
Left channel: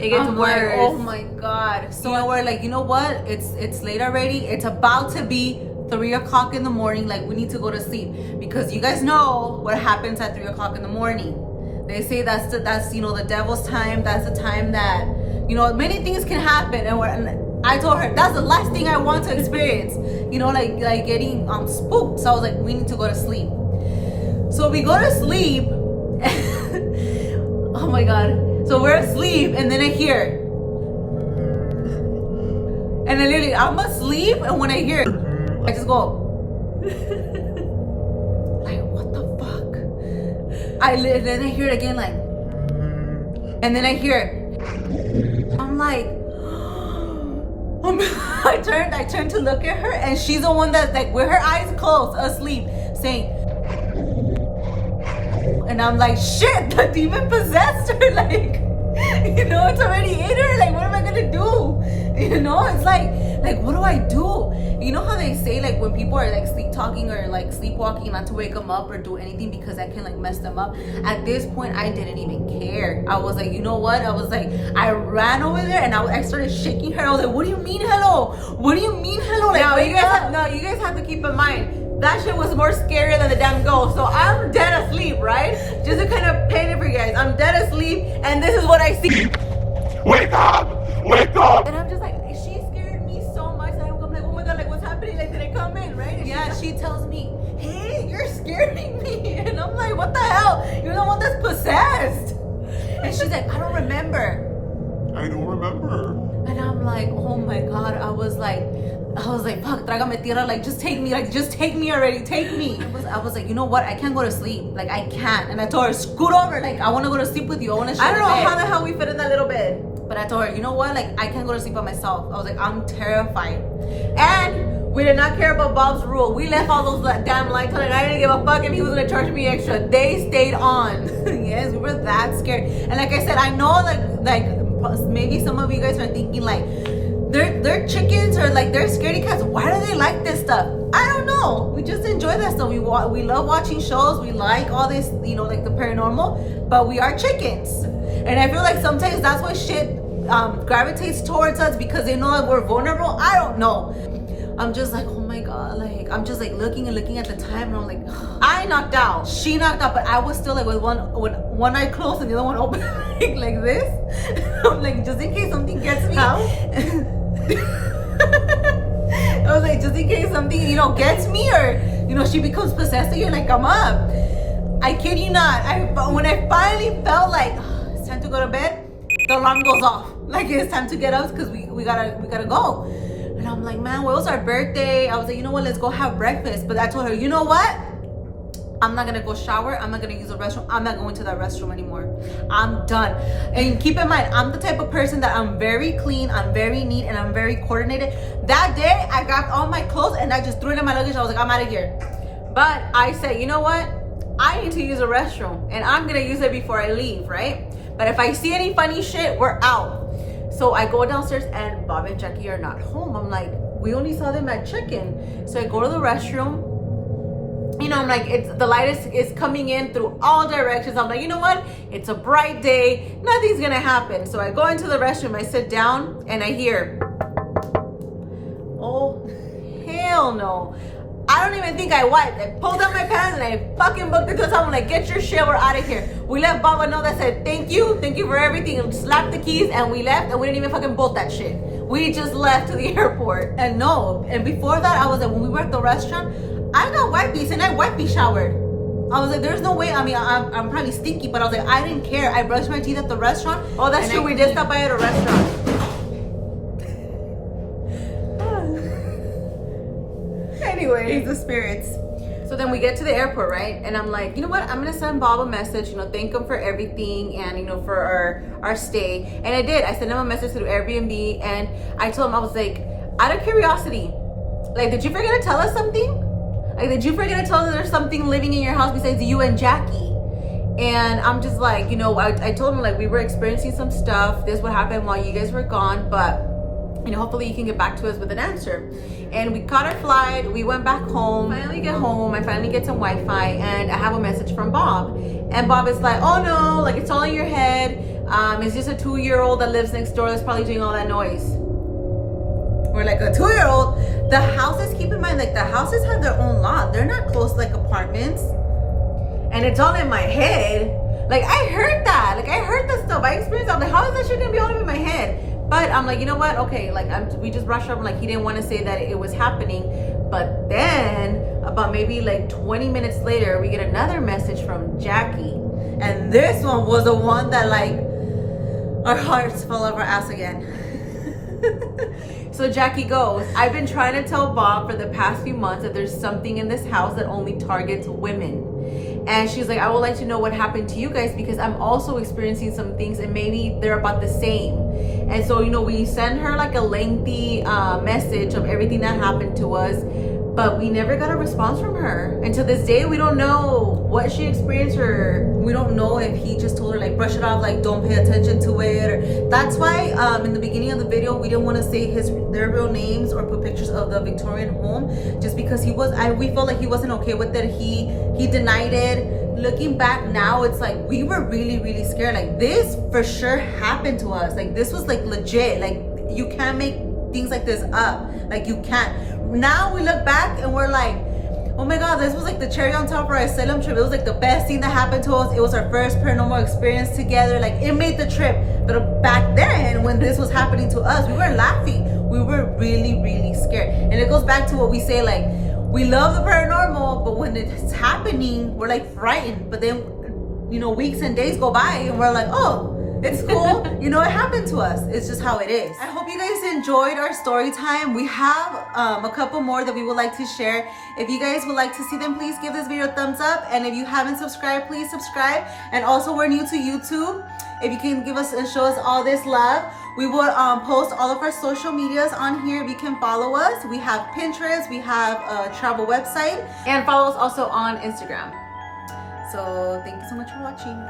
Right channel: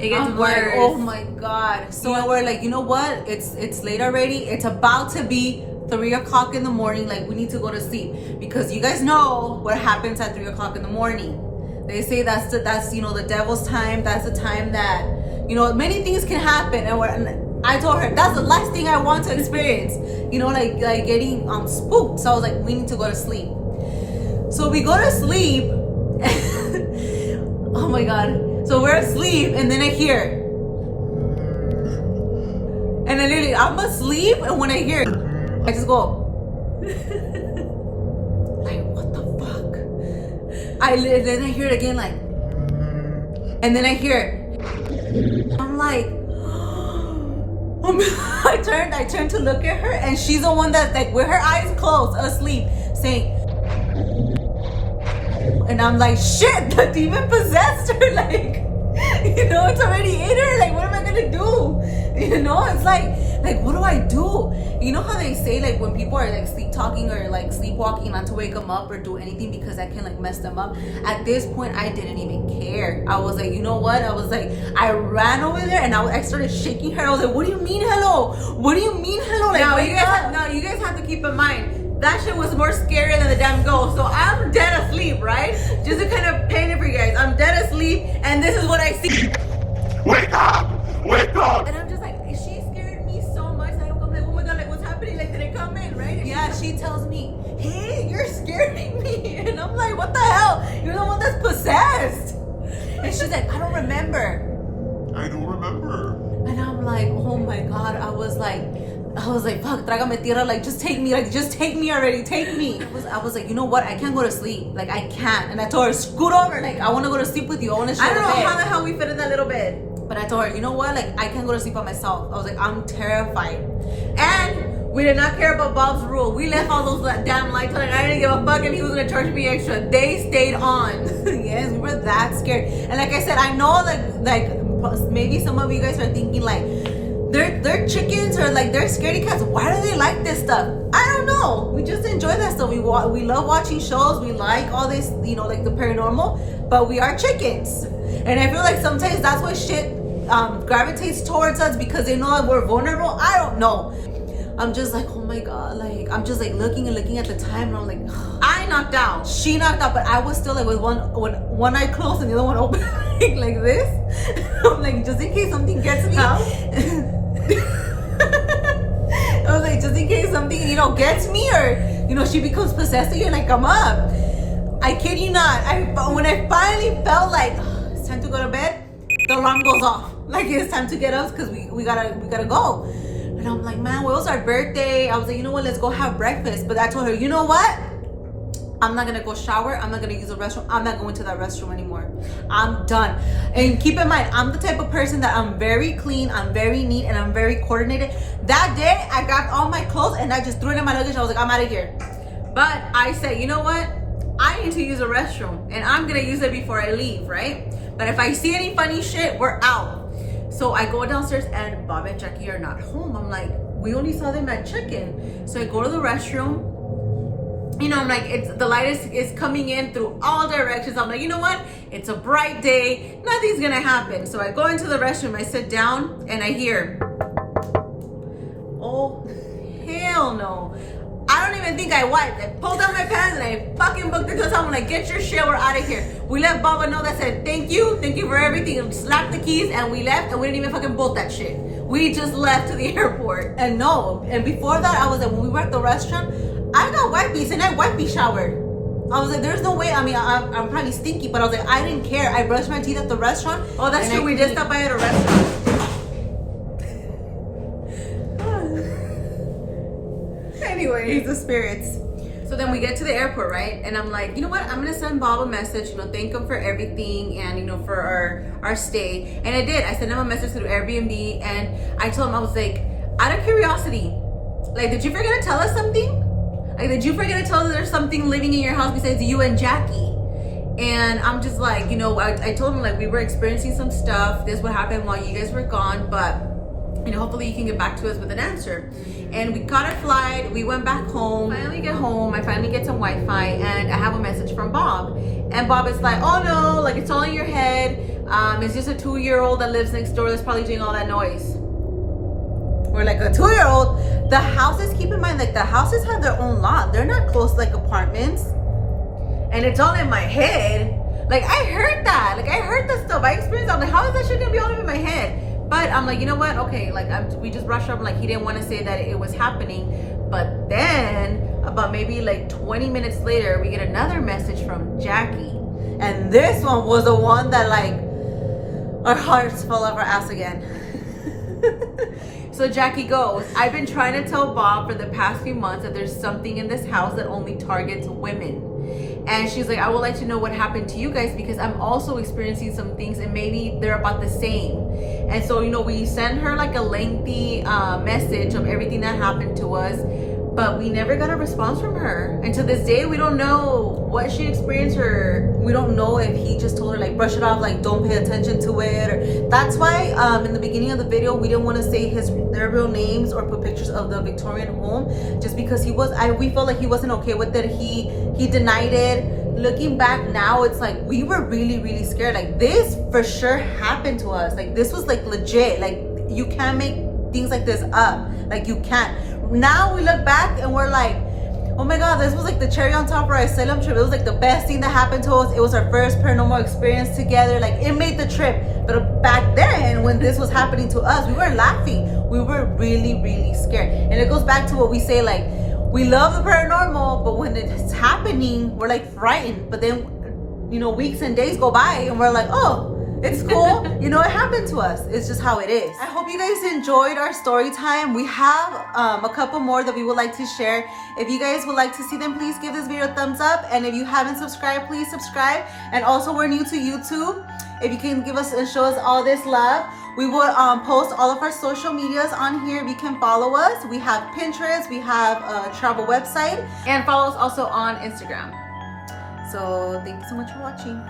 It gets I'm worse. like, oh my God. So we're like, you know what? It's late already. It's about to be 3 o'clock in the morning. Like, we need to go to sleep because you guys know what happens at 3 o'clock in the morning. They say that's you know, the devil's time. That's the time that, you know, many things can happen. And I told her that's the last thing I want to experience. You know, like getting spooked. So I was like, we need to go to sleep. So we go to sleep. Oh my God. So we're asleep, and then I hear, and I literally, I'm asleep, and when I hear, I just go, like, what the fuck? Then I hear it again, like, and then I hear, I'm like, I turned to look at her, and she's the one that's like with her eyes closed, asleep, saying, and I'm like, shit, the demon possessed her. Like, You know, it's already in her. Like, what am I gonna do? You know, it's like what do I do? You know how they say like when people are like sleep talking or like sleepwalking, not to wake them up or do anything because that can like mess them up. At this point, I didn't even care. I was like, you know what? I was like, I ran over there and I started shaking her. I was like, what do you mean hello? What do you mean hello? Like, you guys have to keep in mind that shit was more scary than the damn ghost. So I'm dead asleep, right? Just to kind of paint it for you guys. I'm dead asleep, and this is what I see. Wake up! Wake up! And I'm just like, she scared me so much. And I'm like, oh my god, like what's happening? Like, did it come in, right? Yeah, she tells me, hey, you're scaring me. And I'm like, what the hell? You're the one that's possessed. And she's like, I don't remember. I don't remember. And I'm like, oh my god. I was like, fuck, trágame tierra, like just take me already, take me. I was like, you know what? I can't go to sleep. Like, I can't. And I told her, scoot over. Like, I want to go to sleep with you. I want to share I the don't know bed. how the hell we fit in that little bed. But I told her, you know what? Like, I can't go to sleep by myself. I was like, I'm terrified. And we did not care about Bob's rule. We left all those damn lights on, and I didn't give a fuck if he was gonna charge me extra. They stayed on. Yes, we were that scared. And like I said, I know like maybe some of you guys are thinking like they're chickens or like they're scaredy cats. Why do they like this stuff? I don't know. We just enjoy that stuff. We love watching shows. We like all this, you know, like the paranormal. But we are chickens, and I feel like sometimes that's why shit gravitates towards us because they know that we're vulnerable. I don't know. I'm just like, oh my god, like I'm just like looking at the time, and I'm like, I knocked out. she knocked out, but I was still like with one eye closed and the other one open, like this. I'm like, just in case something gets me. How? I was like, just in case something, you know, gets me or, you know, she becomes possessed again, like I'm up. I kid you not. When I finally felt like it's time to go to bed, the alarm goes off. Like it's time to get up because we gotta go. And I'm like, man, well, it was our birthday. I was like, you know what? Let's go have breakfast. But I told her, you know what? I'm not gonna go shower. I'm not gonna use the restroom. I'm not going to that restroom anymore. I'm done. And keep in mind, I'm the type of person that I'm very clean, I'm very neat, and I'm very coordinated. That day, I grabbed all my clothes and I just threw it in my luggage. I was like, I'm out of here. But I said, you know what? I need to use a restroom, and I'm gonna use it before I leave, right? But if I see any funny shit, we're out. So I go downstairs and Bob and Jackie are not home. I'm like, we only saw them at check-in. So I go to the restroom. You know, I'm like, the light is coming in through all directions. I'm like, you know what? It's a bright day. Nothing's gonna happen. So I go into the restroom. I sit down and I hear, oh, hell no. I don't even think I wiped. I pulled down my pants and I fucking booked it to someone like, get your shit, we're out of here. We let Baba know that said, thank you for everything. And slapped the keys and we left and we didn't even fucking bolt that shit. We just left to the airport. And before that, I was like, when we were at the restaurant, I got wipes and I wipey showered. I was like, there's no way. I mean, I'm probably stinky, but I was like, I didn't care. I brushed my teeth at the restaurant. Oh, that's true. We did stop by at a restaurant. Anyways, the spirits. So then we get to the airport, right? And I'm like, you know what? I'm gonna send Bob a message, you know, thank him for everything and, you know, for our stay. And I did. I sent him a message through Airbnb and I told him, I was like, out of curiosity, like, did you forget to tell us something? Like, did you forget to tell us there's something living in your house besides you and Jackie? And I'm just like, you know, I told him, like, we were experiencing some stuff. This would happen while you guys were gone, but, you know, hopefully you can get back to us with an answer. And we caught our flight. We went back home. Finally get home. I finally get some Wi-Fi, and I have a message from Bob. And Bob is like, oh no, like, it's all in your head. It's just a 2-year-old that lives next door that's probably doing all that noise. We're like, a 2-year-old. The houses, keep in mind, like, the houses have their own lot. They're not close like apartments. And it's all in my head. Like, I heard that. Like, I heard that stuff. I experienced that. I'm like, how is that shit gonna be all in my head? But I'm like, you know what? Okay, like, we just brushed up. Like, he didn't want to say that it was happening. But then, about maybe like 20 minutes later, we get another message from Jackie. And this one was the one that, like, our hearts fell off our ass again. So Jackie goes, I've been trying to tell Bob for the past few months that there's something in this house that only targets women. And she's like, I would like to know what happened to you guys because I'm also experiencing some things and maybe they're about the same. And so, you know, we send her like a lengthy message of everything that happened to us. but we never got a response from her. And to this day, we don't know what she experienced, or we don't know if he just told her like brush it off, like don't pay attention to it. Or that's why in the beginning of the video we didn't want to say their real names or put pictures of the Victorian home, just because we felt like he wasn't okay with it. He denied it. Looking back now, it's like we were really, really scared. Like this for sure happened to us. Like this was like legit. Like you can't make things like this up. Like you can't. Now we look back and we're like, oh my god, this was like the cherry on top for our Salem trip. It was like the best thing that happened to us. It was our first paranormal experience together. Like it made the trip. But back then, when this was happening to us, we weren't laughing. We were really, really scared. And it goes back to what we say, like, we love the paranormal, but when it's happening, we're like frightened. But then, you know, weeks and days go by and we're like, oh, it's cool. You know, it happened to us. It's just how it is. I hope you guys enjoyed our story time. We have a couple more that we would like to share. If you guys would like to see them, please give this video a thumbs up. And if you haven't subscribed, please subscribe. And also, we're new to YouTube. If you can give us and show us all this love, we will post all of our social medias on here. If you can follow us, we have Pinterest, we have a travel website, and follow us also on Instagram. So thank you so much for watching.